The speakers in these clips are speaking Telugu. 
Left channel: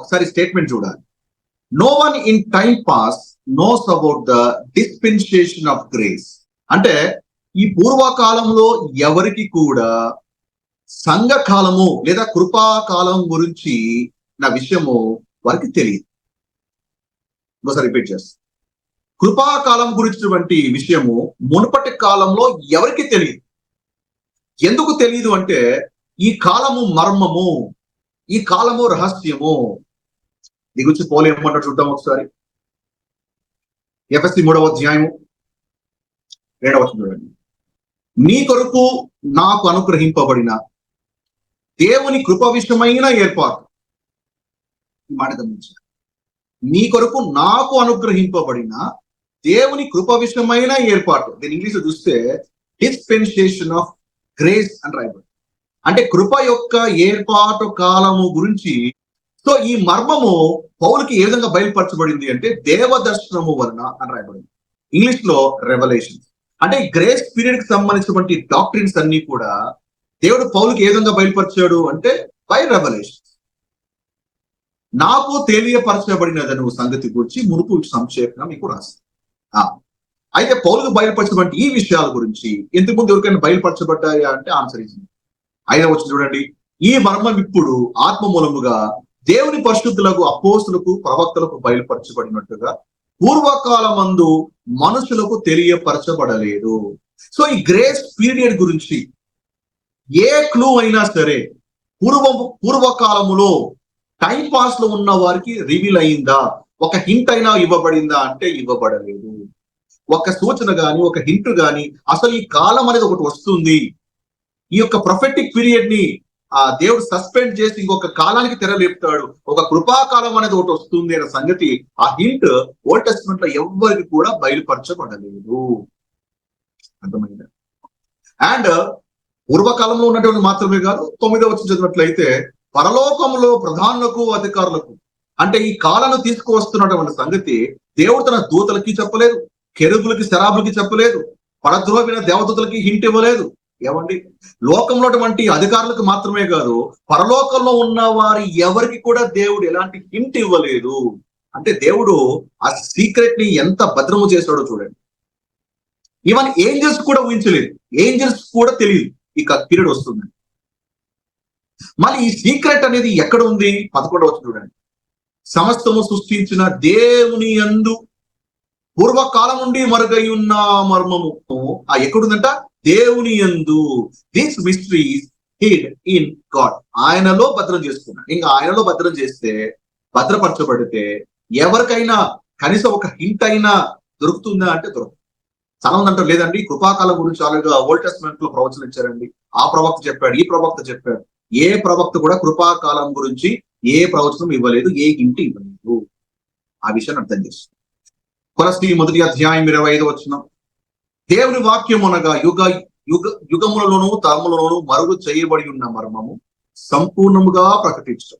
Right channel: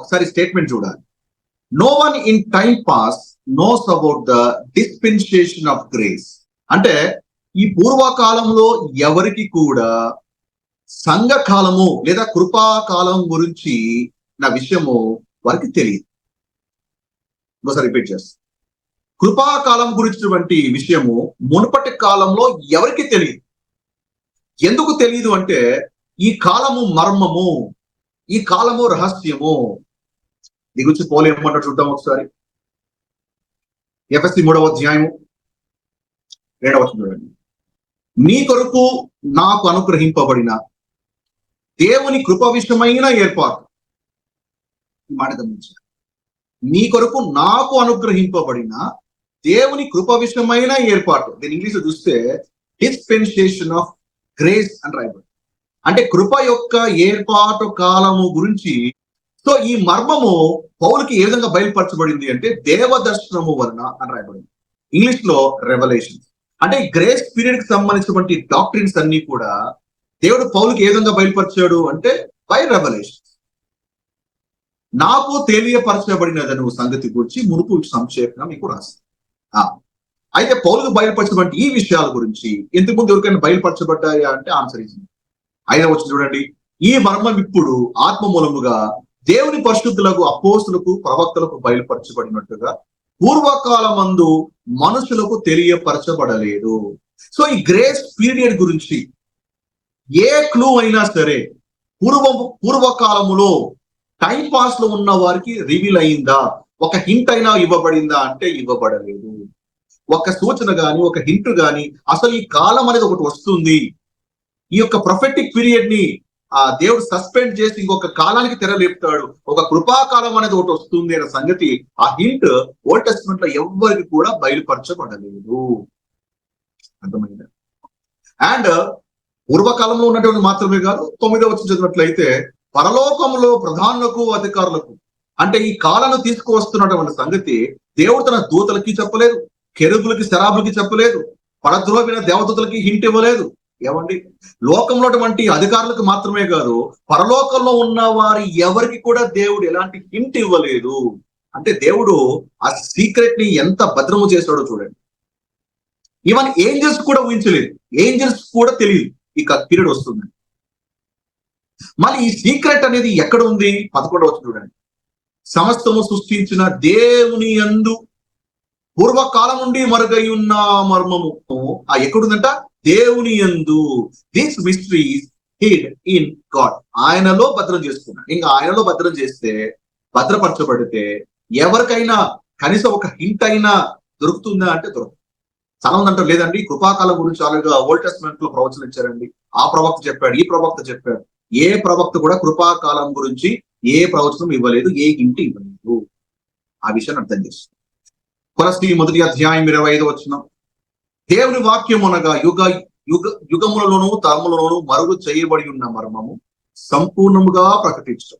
ఒకసారి స్టేట్మెంట్ చూడాలి. No one in time past knows about the dispensation of grace అంటే ఈ పూర్వకాలంలో ఎవరికి కూడా సంఘకాలము లేదా కృపాకాలం గురించి నా విషయము వారికి తెలియదు. ఇంకోసారి రిపీట్ చేస్తాను కృపాకాలం గురించినటువంటి విషయము మునుపటి కాలంలో ఎవరికి తెలియదు. ఎందుకు తెలియదు అంటే ఈ కాలము మర్మము ఈ కాలము రహస్యము దీని గురించి పోలు ఏమంటారు చూద్దాం ఒకసారి. ఎఫ్ఎస్సి మూడవ అధ్యాయము రెండవ చూడండి. నీ కొరకు నాకు అనుగ్రహింపబడిన దేవుని కృప విషయమైన ఏర్పాటు. ఈ మాట గమనించారు నీ కొరకు నాకు అనుగ్రహింపబడిన దేవుని కృప విషయమైన ఏర్పాటు. దీని ఇంగ్లీష్ చూస్తే is సో ఈ మర్మము పౌలకి ఏ విధంగా బయలుపరచబడింది అంటే దేవదర్శనము వలన అని రాయబడింది. ఇంగ్లీష్లో రెవల్యూషన్ అంటే గ్రేస్ పీరియడ్కి సంబంధించినటువంటి డాక్టరీన్స్ అన్ని కూడా దేవుడు పౌలకి ఏ విధంగా బయలుపరిచాడు అంటే బై రెవల్యూషన్ నాకు తెలియపరచబడినదను సంగతి గురించి మునుపు సంక్షేపంగా మీకు రాస్తాను అయితే పౌలకు బయలుపరచినటువంటి ఈ విషయాల గురించి ఎంతకుముందు ఎవరికైనా బయలుపరచబడ్డాయా అంటే ఆన్సర్ ఇచ్చింది. ఐదవ వచ్చి చూడండి. ఈ మర్మం ఇప్పుడు ఆత్మ మూలముగా దేవుని పరిశుద్ధులకు అపోస్తులకు ప్రవక్తలకు బయలుపరచబడినట్టుగా పూర్వకాలమందు మనుషులకు తెలియపరచబడలేదు. సో ఈ గ్రేస్ పీరియడ్ గురించి ఏ క్లూ అయినా సరే పూర్వ పూర్వకాలములో టైం పాస్లో ఉన్న వారికి రివీల్ అయిందా? ఒక హింట్ అయినా ఇవ్వబడిందా అంటే ఇవ్వబడలేదు. ఒక సూచన గాని ఒక హింట్ గాని అసలు ఈ కాలం అనేది ఒకటి వస్తుంది. ఈ యొక్క ప్రొఫెటిక్ పీరియడ్ని ఆ దేవుడు సస్పెండ్ చేసి ఇంకొక కాలానికి తెరలేపుతాడు ఒక కృపాకాలం అనేది ఒకటి వస్తుంది అనే సంగతి ఆ హింట్ ఓల్డ్ టెస్ట్మెంట్లో ఎవ్వరికి కూడా బయలుపరచబడలేదు. అర్థమైందా? అండ్ పూర్వకాలంలో ఉన్నటువంటి మాత్రమే కాదు తొమ్మిదో వచ్చి చదివినట్లయితే పరలోకంలో ప్రధానులకు అధికారులకు అంటే ఈ కాలను తీసుకువస్తున్నటువంటి సంగతి దేవుడు తన దూతలకి చెప్పలేదు కెరుగులకి శరాబులకి చెప్పలేదు పరద్రోహిన దేవదూతలకి హింట్ ఇవ్వలేదు. ఏమండి? లోకంలో అటువంటి అధికారులకు మాత్రమే కాదు పరలోకంలో ఉన్న వారి ఎవరికి కూడా దేవుడు ఎలాంటి హింట్ ఇవ్వలేదు. అంటే దేవుడు ఆ సీక్రెట్ని ఎంత భద్రము చేశాడో చూడండి. ఈవెన్ ఏంజల్స్ కూడా ఊహించలేదు. ఏంజల్స్ కూడా తెలియదు. ఇక పీరియడ్ వస్తుంది. మళ్ళీ ఈ సీక్రెట్ అనేది ఎక్కడ ఉంది? పదకొండవ చూడండి. సమస్తము సృష్టించిన దేవుని అందు పూర్వకాలం నుండి మరుగై ఉన్న మర్మము. ఆ ఎక్కడుందంట? దేవుని యందు దిస్ మిస్టరీస్ ఇన్ గాడ్ ఆయనలో భద్రం చేసుకున్నాడు. ఇంకా ఆయనలో భద్రం చేస్తే భద్రపరచబడితే ఎవరికైనా కనీసం ఒక హింట్ అయినా దొరుకుతుందా అంటే దొరుకుతుంది చాలా అంటారు లేదండి కృపాకాలం గురించి ఆల్రెడీ ఓల్డ్ టెస్ట్మెంట్లో ప్రవచనం ఇచ్చారండి. ఆ ప్రవక్త చెప్పాడు ఈ ప్రవక్త చెప్పాడు. ఏ ప్రవక్త కూడా కృపాకాలం గురించి ఏ ప్రవచనం ఇవ్వలేదు ఏ హింట్ ఇవ్వలేదు. ఆ విషయాన్ని అర్థం చేస్తుంది కొలస్తి మొదటి అధ్యాయం ఇరవై ఐదు వచ్చిన దేవుని వాక్యం అనగా యుగ యుగ యుగములలోను తరములలోను మరుగు చేయబడి ఉన్న మర్మము సంపూర్ణముగా ప్రకటించడం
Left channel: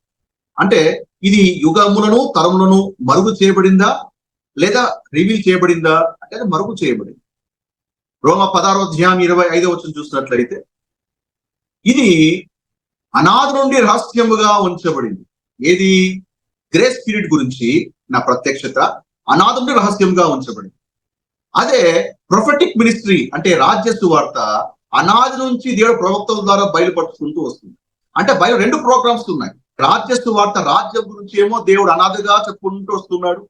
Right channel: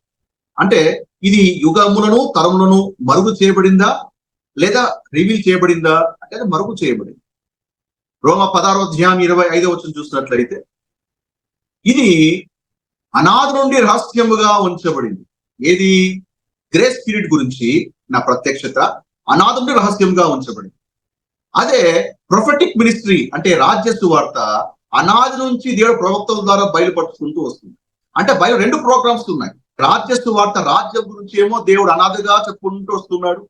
అంటే ఇది యుగములను తరములను మరుగు చేయబడిందా? లేదా రివీల్ చేయబడిందా? అంటే మరుగు చేయబడింది. రోమ పదారో ధ్యానం ఇరవై ఐదో వచ్చిన చూసినట్లయితే ఇది అనాథ నుండి రహస్యముగా ఉంచబడింది. ఏది? గ్రేస్ పీరియడ్ గురించి నా ప్రత్యక్షత అనాథ నుండి రహస్యంగా ఉంచబడింది. అదే ప్రొఫెటిక్ మినిస్ట్రీ అంటే రాజ్య వార్త అనాది నుంచి దేవుడు ప్రవక్తల ద్వారా బయలుపరుచుకుంటూ వస్తుంది. అంటే బయలు రెండు ప్రోగ్రామ్స్ ఉన్నాయి. రాజ్య వార్త రాజ్యం గురించి ఏమో దేవుడు అనాథగా చెప్పుకుంటూ వస్తున్నాడు.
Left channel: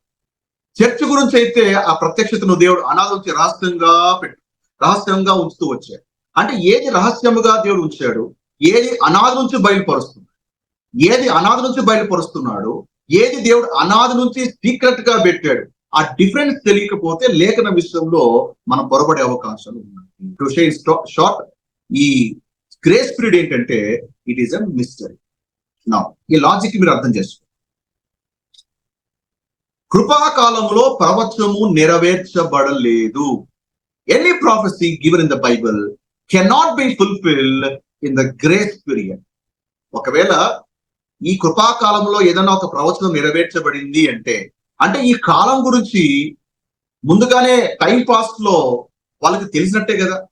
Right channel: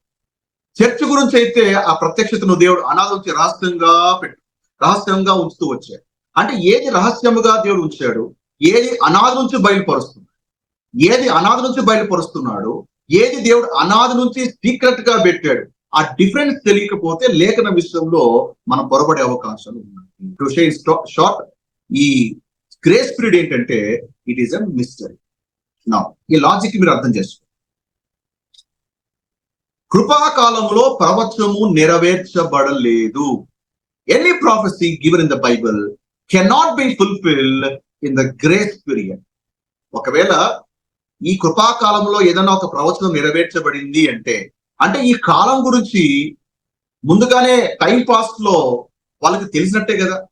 చర్చ్ గురించి అయితే ఆ ప్రత్యక్షతను దేవుడు అనాథ నుంచి రహస్యంగా పెట్టు రహస్యంగా ఉంచుతూ వచ్చాడు. అంటే ఏది రహస్యముగా దేవుడు ఉంచాడు? ఏది అనాథ నుంచి బయలుపరుస్తున్నాడు? ఏది అనాథ నుంచి బయలుపరుస్తున్నాడు? ఏది దేవుడు అనాథ నుంచి సీక్రెట్గా పెట్టాడు? ఆ డిఫరెన్స్ తెలియకపోతే లేఖన విషయంలో మనం పొరపడే అవకాశాలు ఉన్నాయి. షార్ట్ ఈ గ్రేస్ పీరియడ్ ఏంటంటే ఇట్ ఈస్ అ మిస్టరీ నా ఈ లాజిక్ మీరు అర్థం చేసుకోండి. కృపాకాలంలో ప్రవచనము నెరవేర్చబడలేదు. Any prophecy given in the Bible cannot be fulfil in the grace period ఒకవేళ ఈ కృపాకాలంలో ఏదైనా ఒక ప్రవచనం నెరవేర్చబడింది అంటే అంటే ఈ కాలం గురించి ముందుగానే టైం పాస్లో వాళ్ళకి తెలిసినట్టే కదా.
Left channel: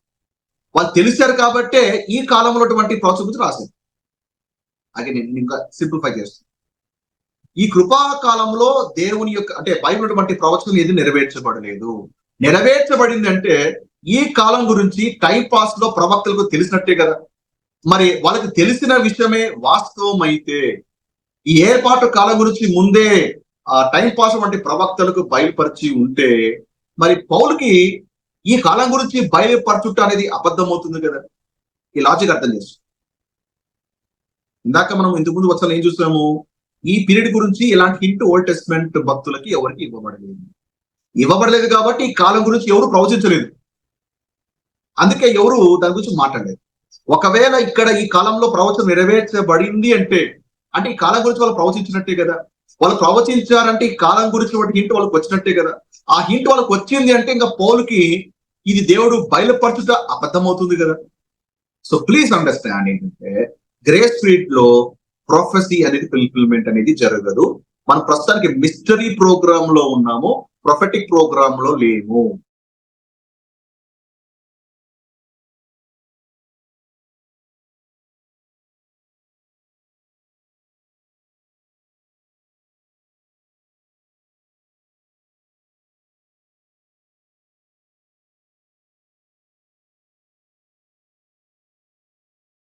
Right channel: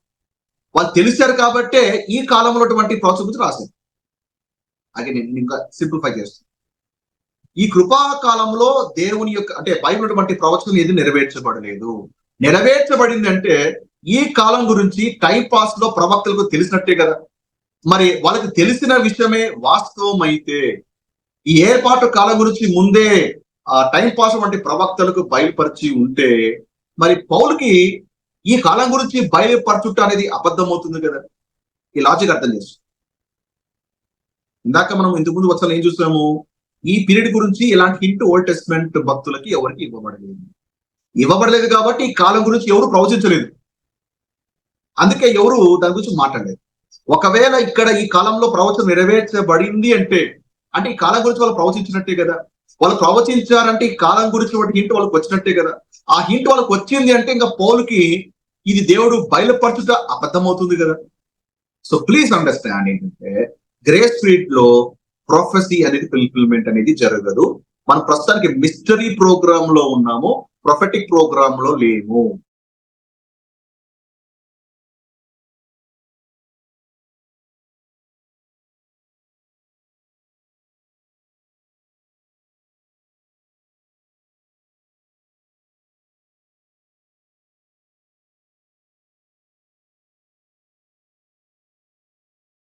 వాళ్ళు తెలిసారు కాబట్టే ఈ కాలంలో ప్రవచనం గురించి రాశారు. అది నేను ఇంకా సింప్లిఫై చేస్తాను. ఈ కృపా కాలంలో దేవుని యొక్క అంటే బైబిల్ ప్రవచనం ఏది నెరవేర్చబడలేదు. నెరవేర్చబడింది అంటే ఈ కాలం గురించి టైం పాస్లో ప్రవక్తలకు తెలిసినట్టే కదా. మరి వాళ్ళకి తెలిసిన విషయమే వాస్తవం అయితే ఈ ఏర్పాటు కాలం గురించి ముందే ఆ టైం పాస్ వంటి ప్రవక్తలకు బయలుపరిచి ఉంటే మరి పౌలుకి ఈ కాలం గురించి బయలుపరచుట అనేది అబద్ధం అవుతుంది కదా ఇలా లాజిక్ ఏం చూసాము ఈ పీరియడ్ గురించి ఎలాంటి హింట్ ఓల్డ్ టెస్ట్మెంట్ భక్తులకి ఎవరికి ఇవ్వబడలేదు. ఇవ్వబడలేదు కాబట్టి ఈ కాలం గురించి ఎవరు ప్రవచించలేదు. అందుకే ఎవరు దాని గురించి మాట్లాడలేదు. ఒకవేళ ఇక్కడ ఈ కాలంలో ప్రవచనం నెరవేర్చబడింది అంటే అంటే ఈ కాలం గురించి వాళ్ళు ప్రవచించినట్టే కదా? వాళ్ళు ప్రవచించారంటే ఈ కాలం గురించి వాటి హింట్ వాళ్ళకి వచ్చినట్టే కదా. ఆ హింట్ వాళ్ళకి వచ్చింది అంటే ఇంకా పౌలుకి ఇది దేవుడు బయలుపరచుట అబద్ధమవుతుంది కదా. సో ప్లీజ్ అండర్స్టాండ్ ఏంటంటే గ్రే స్ట్రీట్లో ప్రొఫెసీ అనేది ఫుల్ఫిల్మెంట్ అనేది జరగదు. మనం ప్రస్తుతానికి మిస్టరీ ప్రోగ్రామ్లో ఉన్నాము ప్రొఫెటిక్ ప్రోగ్రామ్లో లేము.